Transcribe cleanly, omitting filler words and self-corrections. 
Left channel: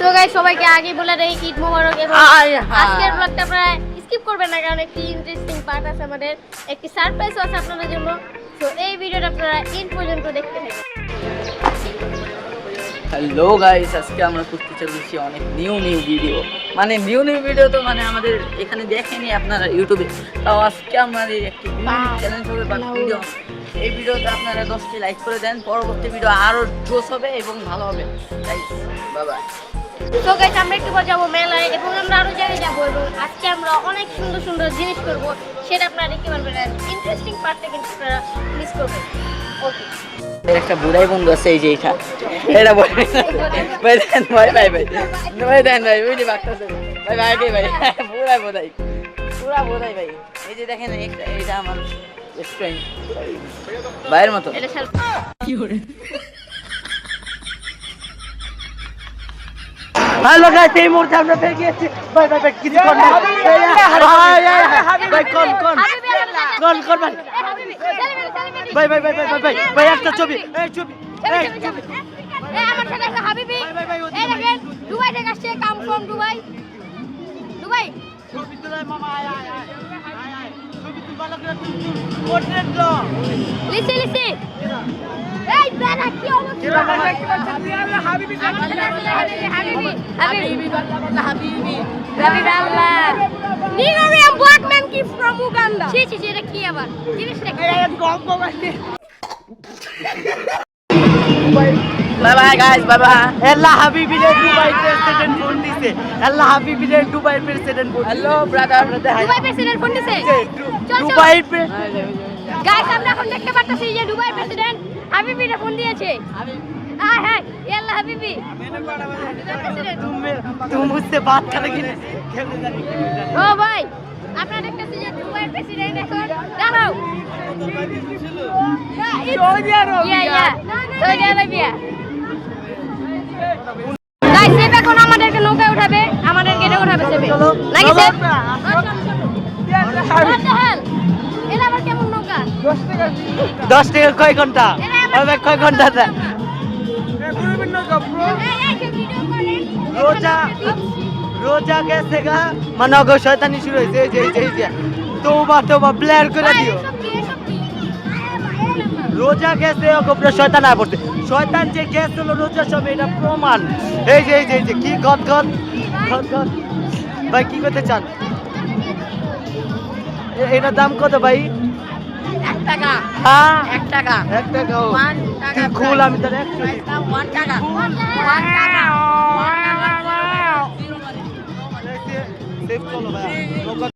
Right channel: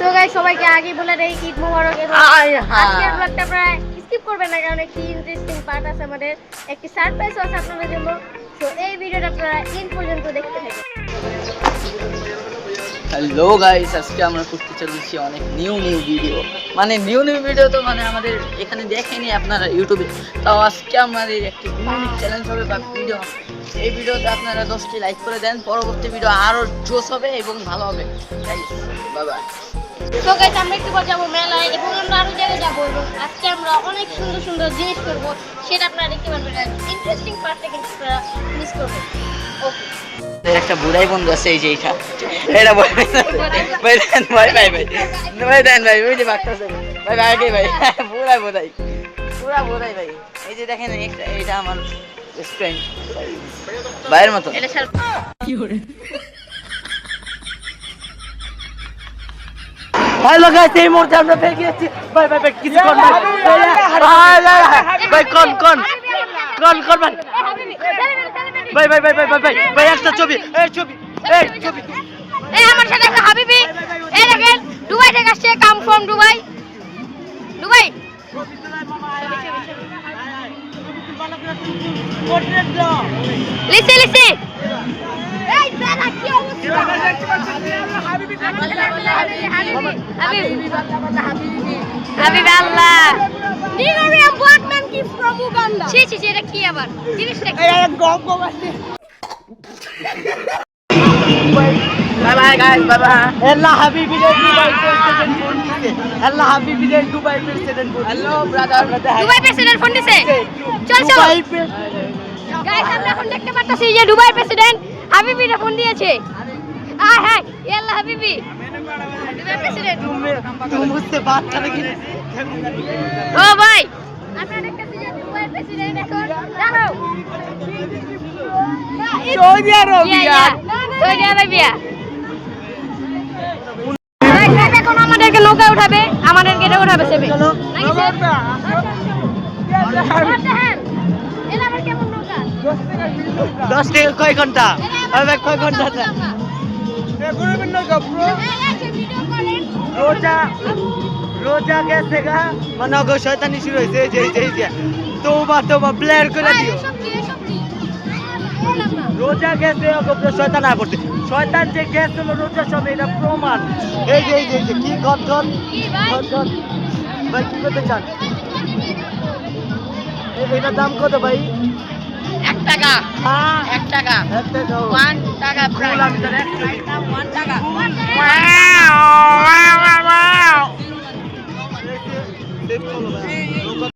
So guys সবাইকে আগে বলে দেই ঈদ মোবারক এবং আজকের ব্লগটা আপনারা স্কিপ করবেন না কারণ একটি ইন্টারেস্টিং পার্ট আছে আমাদের একটি সারপ্রাইজ আছে আপনাদের জন্য তো এই ভিডিওটা আপনারা এন্ড পর্যন্ত দেখতে থাকুন হ্যালো গাইস আজকে আমরা করতে চলেছি অনেক নিউ ভিডিও মানে নিউ ভিডিও তো মানে আমাদের এখানে দেখেনি আপনারা ইউটিউবে তাও আজকে আমাদের একটি ইউনিক চ্যালেঞ্জ হবে বা ভিডিও এই ভিডিওতে আপনারা 10টি লাইক করে দেন পরবর্তী ভিডিও আরো জোশ হবে এবং ভালো হবে গাইস বাই বাই তো গাইস আমরা একটু পর যাবো মেলায় এবং আমরা আরো জায়গায় যাবো এবং আজকে আমরা অনেক সুন্দর সুন্দর জিনিস করব সেটা আপনারা দেখতে পারবেন ইন্টারেস্টিং পার্টটা কিন্তু আপনারা মিস করবেন ওকে এর একটা বুড়াই বন্ধু আছে এই যে এটা এটা ভাই দেন ভাই বুঝলি বাচ্চা ভাই ভাই বুড়াই ভাই এই যে দেখেন এটা আমার ফ্রেন্ড ভাইয়ের মতো এটা স্যার কি করে হ্যালো গাইস এই মুহূর্তে আমরা পেয়ে গেছি ভাই কিছু কর না ভাই কোন ভাই একটা ছবি এই আমার সাথে একটা হাবিবি এই দেখেন দুবাই থেকে আসছে কাম ফ্রম দুবাই লিসি এই দাদা কি অবস্থা হাবিবি আল্লাহ নিগরিয়ান ব্ল্যাক ম্যান কি ফ্রম উগান্ডা ছি এটা কি আবার জিনিসটা কি Bye guys, bye. Allah Habibi Dubai president phone দিছে Allah Habibi Dubai president phone hello brother Dubai president phone দিছে চল দুবাই গাইস আমরা এখন দেখতে পাচ্ছি যে দুবাই প্রেসিডেন্ট হাবিবি ফোন দিয়েছে হ্যাঁ আল্লাহ হাবিবি দুবাই প্রেসিডেন্ট तुम मुझसे बात करोगे ও ভাই আপনারা দেখতেছেন যে দুবাই প্রেসিডেন্ট এখন দাঁড়াও সৌদি আরবিয়া গাইস সেব এখন আমাদেরকে নৌকা উঠাবে আমাদেরকে এটা উঠাবে সেবে নাকি সেব এটা আবার কেমন নৌকা 10 টাকা কয় ঘন্টা আরে কয় ঘন্টা রোজা গেছে গা মানে অগো শয়তানি শুরু হয়েছে এই তোবা প্লেয়ার করে দিও রোজা গেছে অগো শয়তান আর পড়ছে শয়তান যে গ্যাস হলো রোজা সব এটা প্রমাণ এই যে কি গদ ভাই কি করতে চান এটার দাম কত ভাই 1 টাকা হ্যাঁ 1 টাকা 1 টাকা 1 টাকা ফুল আমি তো 1 টাকা সেভ করো ভাই